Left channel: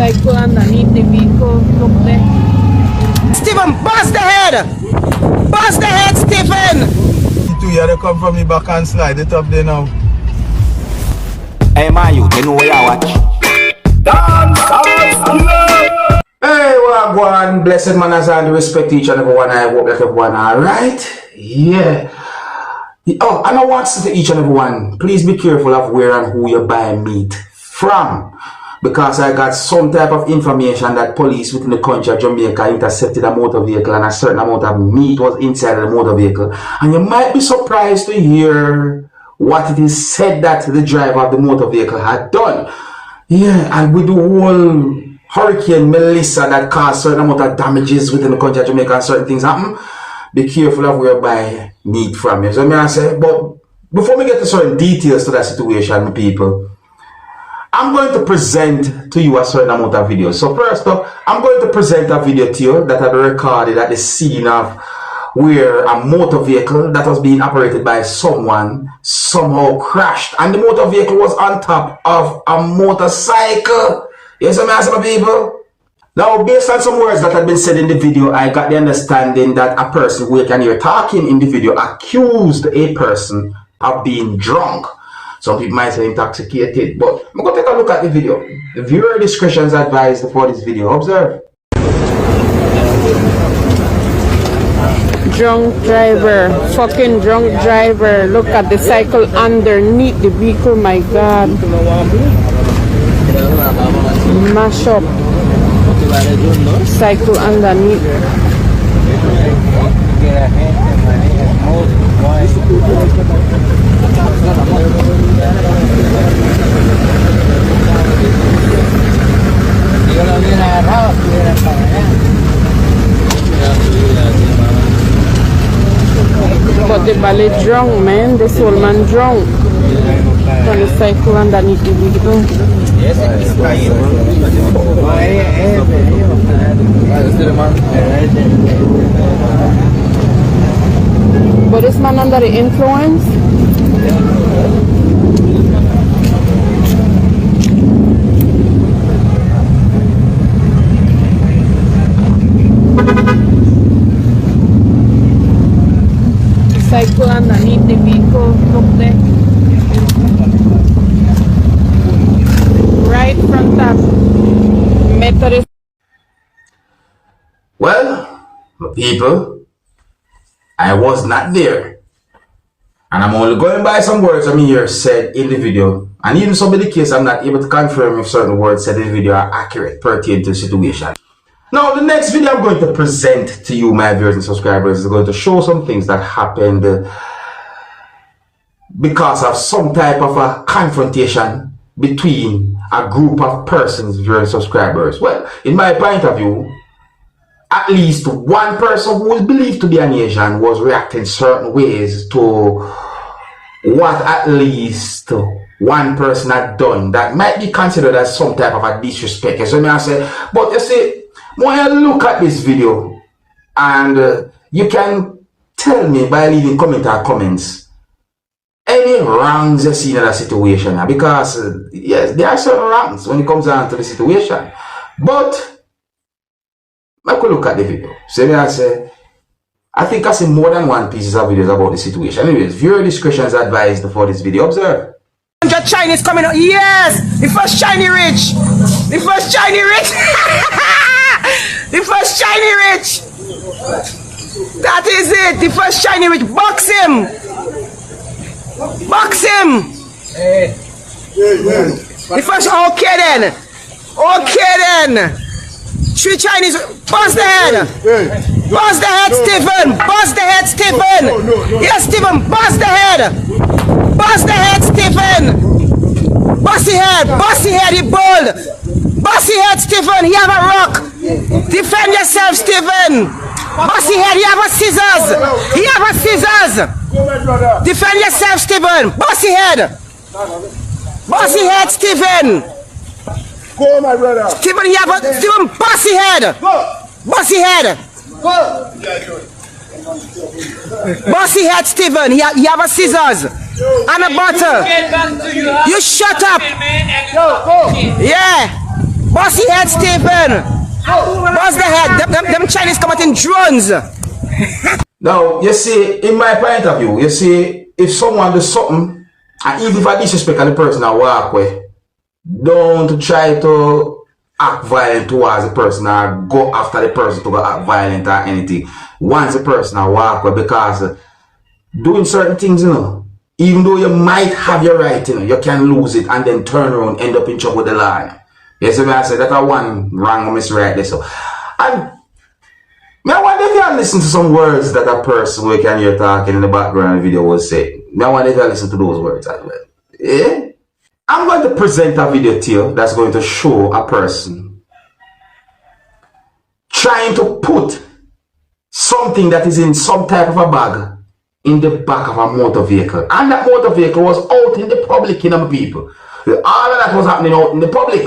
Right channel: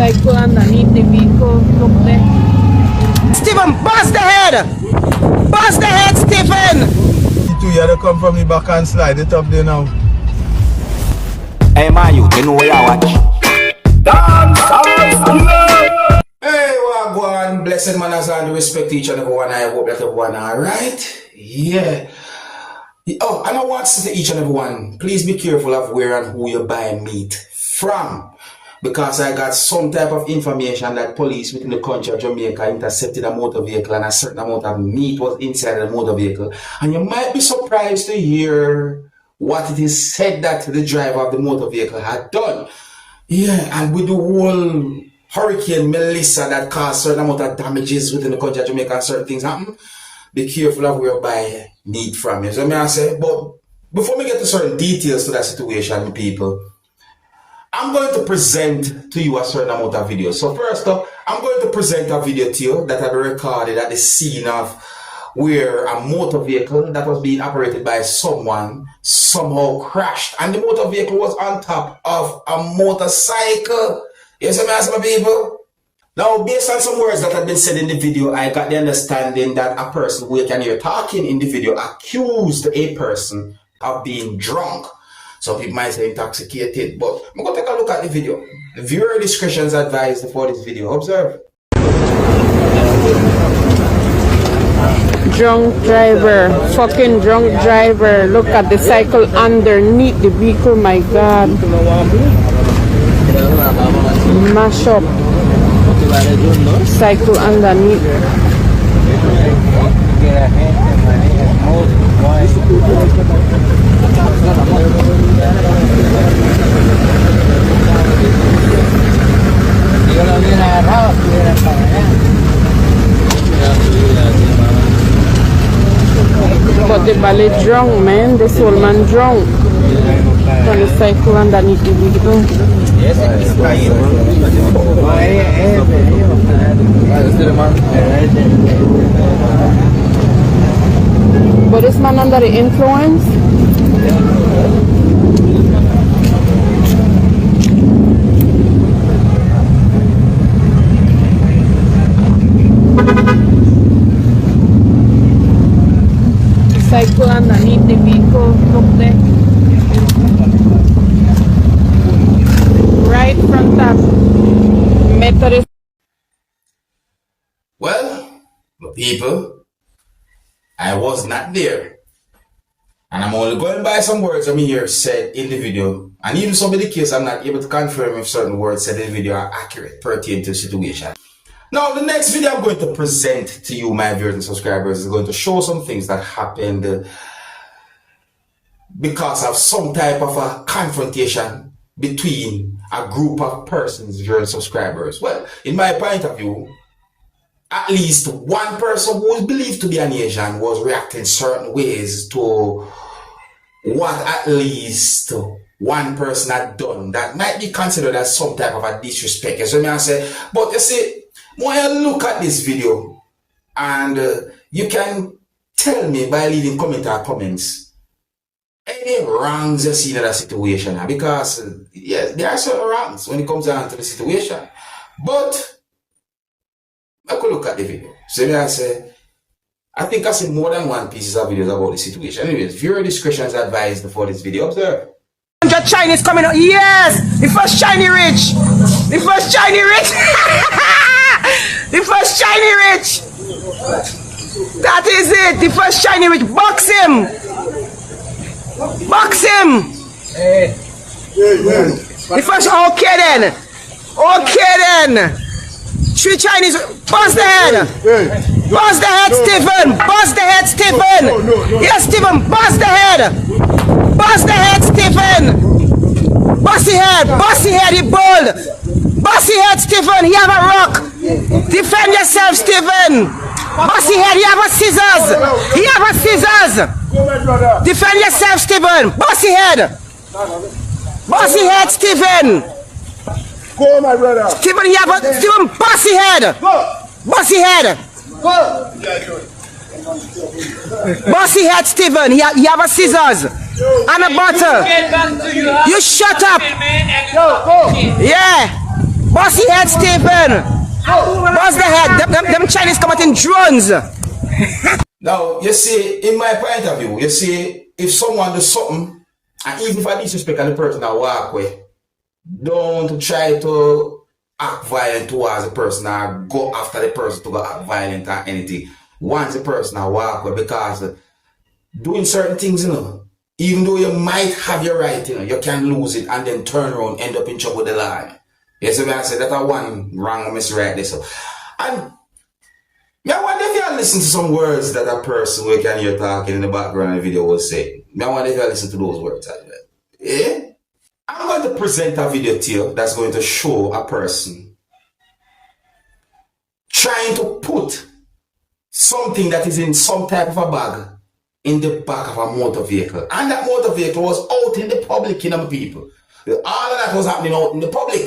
Cycle underneath the vehicle. Look there. Stephen, bust the head! Bust the head, Stephen! You had to come from me back and slide it up there now. Hey man, you know where I watch. Dancehall. Hey, what go on? Blessed manners and respect each and every one. I hope that everyone alright. Yeah. Oh, and I want to say to each and every one, please be careful of where and who you buy meat from. Because I got some type of information that police within the country of Jamaica intercepted a motor vehicle and a certain amount of meat was inside of the motor vehicle. And you might be surprised to hear what it is said that the driver of the motor vehicle had done. Yeah, and with the whole Hurricane Melissa that caused certain amount of damages within the country of Jamaica and certain things happen, be careful of where you buy meat from you. So may I say, but before we get to certain details to that situation, people, I'm going to present to you a certain amount of videos. So first off, I'm going to present a video to you that had been recorded at the scene of where a motor vehicle that was being operated by someone somehow crashed. And the motor vehicle was on top of a motorcycle. Yes, my people? Now, based on some words that had been said in the video, I got the understanding that a person who you can hear talking in the video accused a person of being drunk. Some people might say intoxicated, but I'm going to take a look at the video. The viewer discretion is advised for this video. Observe. Drunk driver. Fucking drunk driver. Look at the cycle underneath the vehicle. My God. Mash up. Cycle underneath. But the ballet drunk, man. This old man drunk. On the cycle underneath the vehicle. But this man under the influence? Cycle underneath the vehicle, look there. Right front of Methodist. Well, people, I was not there. And I'm only going by some words I hear said in the video. And even some of the case, I'm not able to confirm if certain words said in the video are accurate pertaining to the situation. Now, the next video I'm going to present to you, my viewers and subscribers, is going to show some things that happened because of some type of a confrontation between a group of persons, viewers and subscribers. Well, in my point of view, at least one person who is believed to be an Asian was reacting certain ways to what at least one person had done that might be considered as some type of a disrespect. So I say, but you see, when I look at this video, and you can tell me by leaving comments any wrongs you see in that situation, because yes, there are certain wrongs when it comes down to the situation. But I could look at the video. So I say, I think I see more than one piece of videos about the situation. Anyways, viewer discretion is advised for this video. Observe. Chinese coming out. Yes! The first shiny rich! The first shiny rich! The first shiny rich! That is it! The first shiny rich! Box him! Box him! The first, okay then! Okay then! 3 Chinese, bust the head! Bust the head, Stephen! Bust the head, Stephen! Yes, Stephen, bust the head! Bust the head, Stephen! Bust the head, he bold! Bust the head, Stephen, he have a rock! Defend yourself, Stephen! Bust the head, he have a scissors! He have a scissors! Defend yourself, Stephen! Bust the head! Bust the head, Stephen! Go, my brother! Stephen, he have a... Stephen, bust the head! Bust the head! Bust the head, Stephen, he have a scissors! And a bottle! You shut up! Yeah! Bust the head, Stephen. Bust the head. Them Chinese come out in drones. Now, you see, in my point of view, you see, if someone does something, and even if I disrespect the person I walk with, don't try to act violent towards the person or go after the person to go act violent or anything. Once the person I walk with, because doing certain things, you know, even though you might have your right, you know, you can lose it and then turn around, end up in trouble with the law. You see what I say? That's one wrong or misread there. So, and I wonder if you listen to some words that a person we can hear talking in the background of the video was saying. I wonder if you listen to those words as well. Yeah? I'm going to present a video to you that's going to show a person trying to put something that is in some type of a bag in the back of a motor vehicle. And that motor vehicle was out in the public, you know, people. All of that was happening out in the public.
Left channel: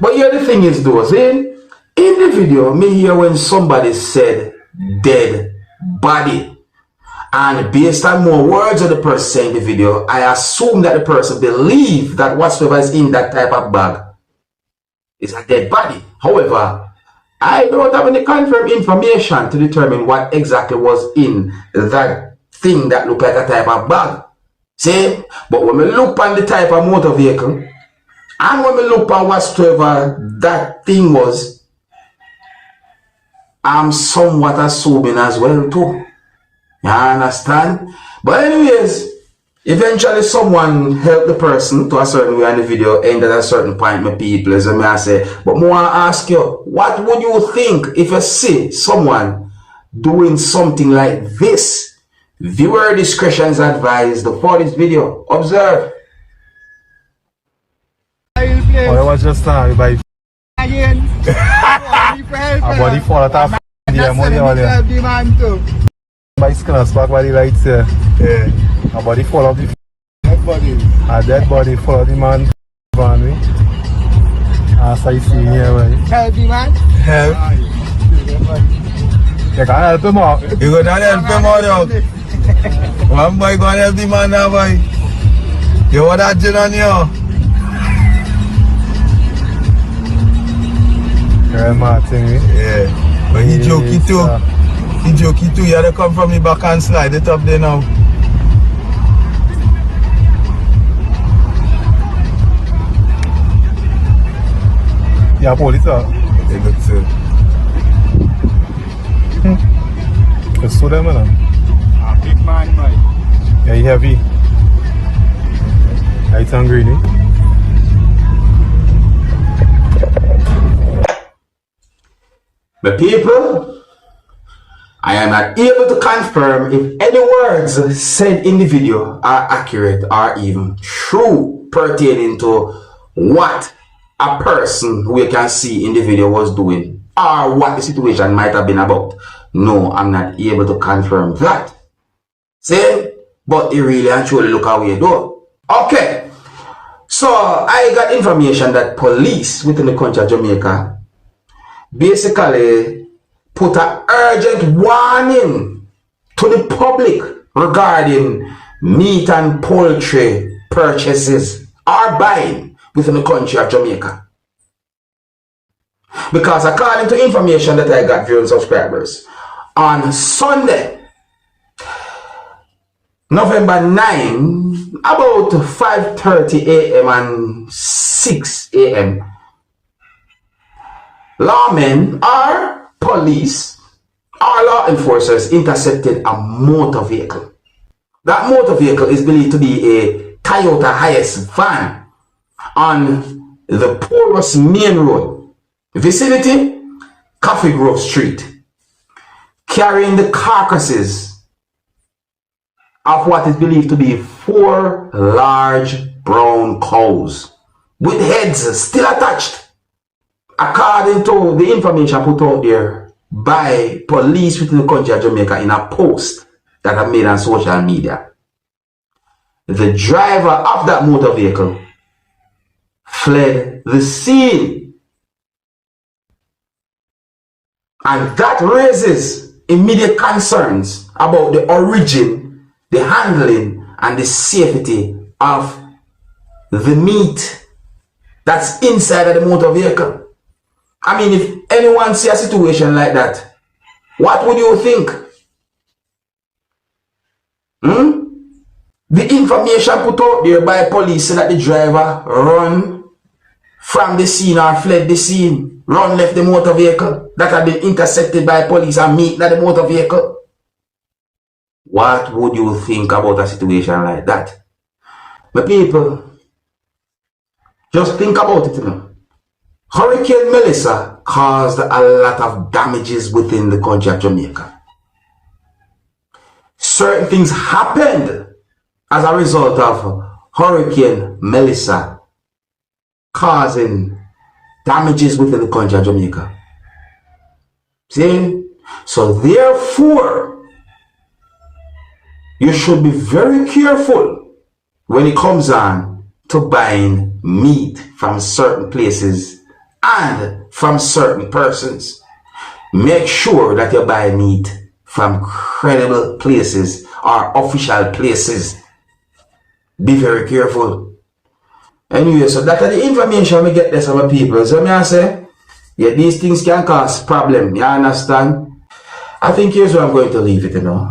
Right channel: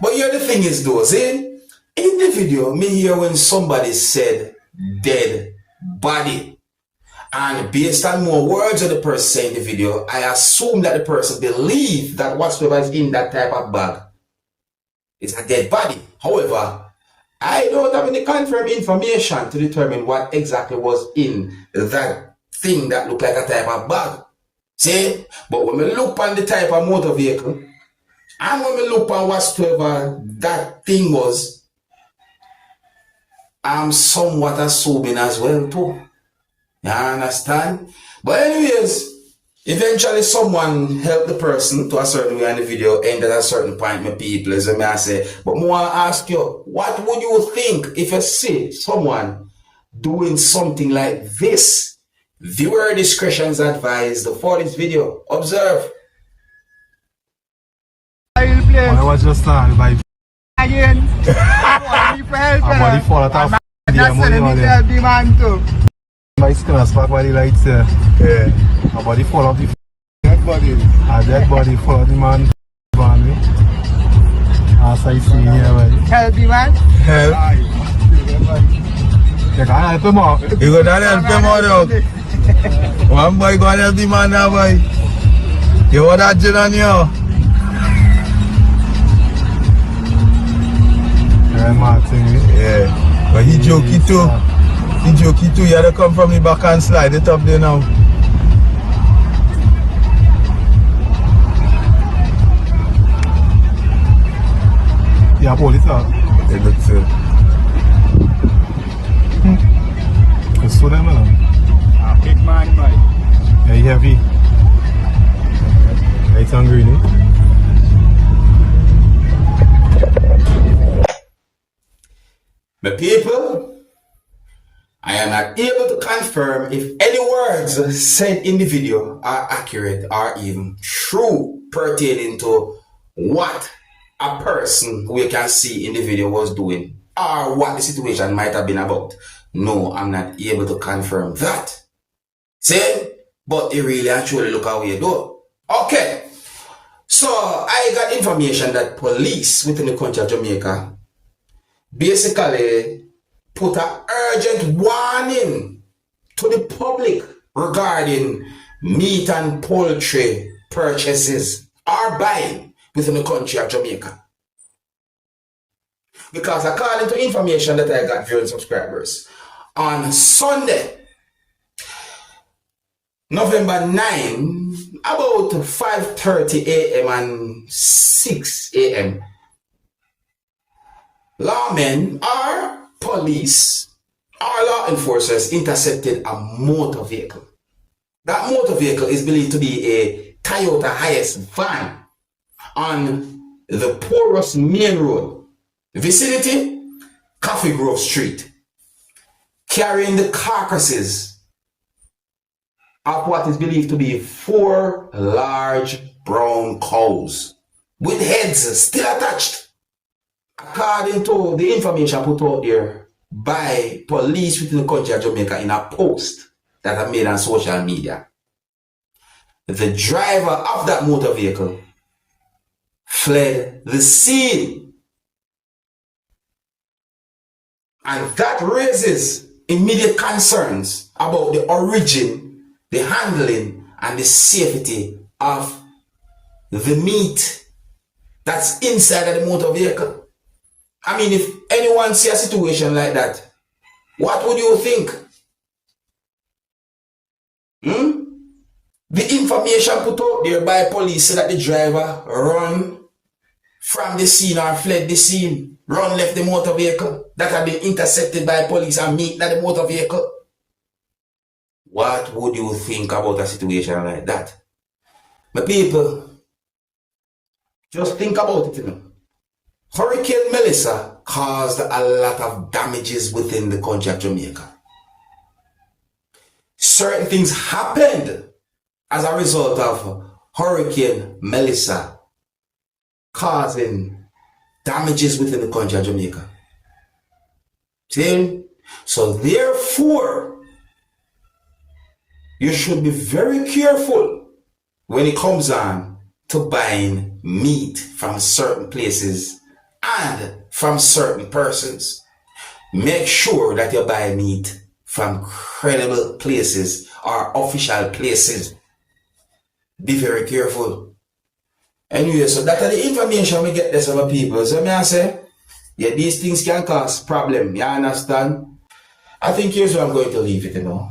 But here the thing is though, in the video, me hear when somebody said dead body. And based on more words of the person saying in the video, I assume that the person believes that whatsoever is in that type of bag is a dead body. However, I don't have any confirmed information to determine what exactly was in that thing that looked like a type of bag. See? But when we look on the type of motor vehicle, and when we look on whatsoever that thing was, I'm somewhat assuming as well too. You understand? But anyways, eventually someone helped the person to a certain way in the video, and at a certain point, my people, as I say, but more I ask you, what would you think if you see someone doing something like this? Viewer discretion is advised for this video. Observe. I was just sorry by again. Body fall out of the money earlier. By skilla spot body right there. Yeah. A body fall off the dead body. A dead body fall off the man. As I see here, right? Help the man? Help. You can't help him out. You can't help him out, dog. One boy gonna help the man now, boy. You want that gin on you? Yeah, Martin. Yeah. But he jokey too. He jokey too. You had to come from the back and slide it up there now. Yeah, pull it up. It looks good. Let's do that, man. Big man, boy. Yeah, you heavy. Lights and green, eh? My people, I am not able to confirm if any words said in the video are accurate or even true pertaining to what a person who you can see in the video was doing or what the situation might have been about. No, I'm not able to confirm that. See? But it really and truly look how we do. Okay. So I got information that police within the country of Jamaica basically put an urgent warning to the public regarding meat and poultry purchases or buying within the country of Jamaica. Because according to information that I got viewing subscribers, on Sunday, November 9, about 5:30 a.m. and 6 a.m., lawmen or police or law enforcers intercepted a motor vehicle. That motor vehicle is believed to be a Toyota Hiace van on the Porous Main Road, vicinity Coffee Grove Street, carrying the carcasses of what is believed to be 4 large brown cows with heads still attached, according to the information put out there by police within the country of Jamaica in a post that I made on social media. The driver of that motor vehicle fled the scene, and that raises immediate concerns about the origin, the handling, and the safety of the meat that's inside of the motor vehicle. I mean, if anyone see a situation like that, what would you think? The information put out there by police so that the driver run from the scene or fled the scene, run left the motor vehicle that had been intercepted by police and meet at the motor vehicle. What would you think about a situation like that? But people, just think about it, you know. Hurricane Melissa caused a lot of damages within the country of Jamaica. Certain things happened as a result of Hurricane Melissa causing damages within the country of Jamaica. See? So therefore, you should be very careful when it comes on to buying meat from certain places and from certain persons. Make sure that you buy meat from credible places or official places. Be very careful. Anyway, so that are the information we get there from people. So I say, yeah, these things can cause problem. You understand? I think here's where I'm going to leave it, you know.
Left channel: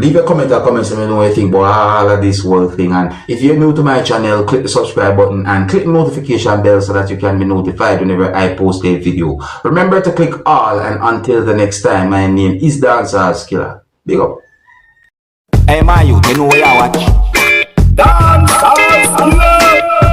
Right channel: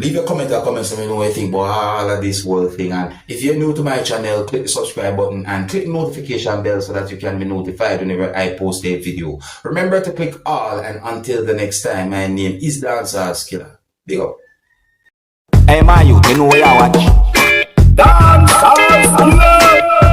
Leave a comment or comments and let me know what you think about all of this whole thing. And if you're new to my channel, click the subscribe button and click the notification bell so that you can be notified whenever I post a video. Remember to click all, and until the next time, my name is Dancehall Skilla. Big up. Hey, my youth, you know where you watch? Dancehall Skilla.